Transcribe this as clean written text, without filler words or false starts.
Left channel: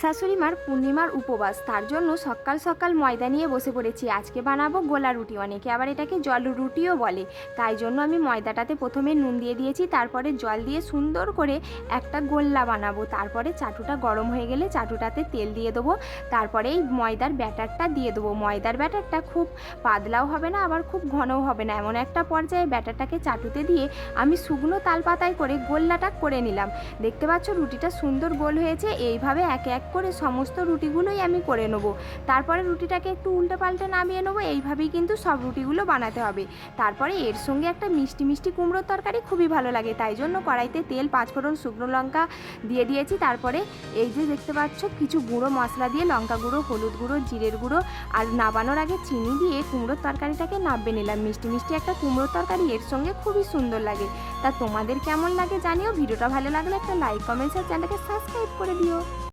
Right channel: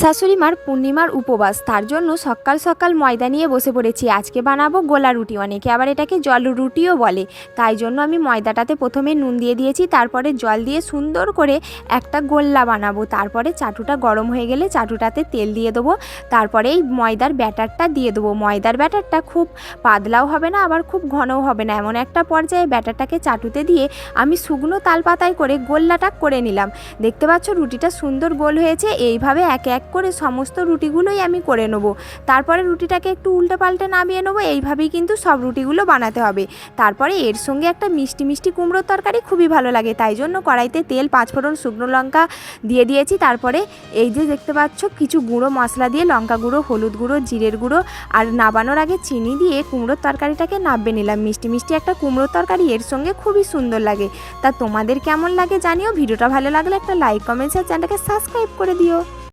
শাশুড়ি মার পূর্ণিমার উপবাস, তার জন্য সকাল সকাল ময়দা নিয়ে বসে পড়েছি। আজকে বানাবো গোলা রুটি, অনেকে আবার এটাকে জল রুটিও বলে। তাই জন্য আমি ময়দাটাতে প্রথমে নুন দিয়ে দিয়েছি, তারপরে জল দিয়ে সুন্দর করে একটা গোল্লা বানাবো। তারপরে চাটুটা গরম হয়ে গেলে চাটুটাতে তেল দিয়ে দেবো, তারপরে এই ময়দার ব্যাটারটা দিয়ে দেবো। ময়দার ব্যাটারটা খুব পাতলাও হবে না, আবার খুব ঘনও হবে না, এমন একটা পর্যায়ে ব্যাটারটাকে চাটুতে দিয়ে আমি শুকনো তাল পাতায় করে গোল্লাটা করে নিলাম। দেখতে পাচ্ছ রুটিটা সুন্দর গোল হয়েছে। এইভাবে এক এক করে সমস্ত রুটিগুলোই আমি করে নেব। তারপরে রুটিটাকে একটু উল্টে পাল্টে নামিয়ে নেবো। এইভাবেই কিন্তু সব রুটিগুলো বানাতে হবে। তারপরে এর সঙ্গে একটা মিষ্টি মিষ্টি কুমড়োর তরকারি খুবই ভালো লাগে, তাই জন্য কড়াইতে তেল, 5 ফোড়ন, শুকনো লঙ্কা দিয়ে দিয়েছি। তারপরে এই যে দেখতে পাচ্ছ কিছু গুঁড়ো মশলা দিয়ে, লঙ্কা গুঁড়ো, হলুদ গুঁড়ো, জিরের গুঁড়ো আর নাবানোর আগে চিনি দিয়ে কুমড়োর তরকারিটাকে নামিয়ে নিলাম। মিষ্টি মিষ্টি একটা কুমড়োর তরকারি এর সঙ্গে খুবই সুন্দর লাগে। তা তোমাদের কেমন লাগে জানিও। ভিডিওটা ভালো লাগলে একটা লাইক, কমেন্টস আর চ্যানেলটাকে সাবস্ক্রাইব করে দিও।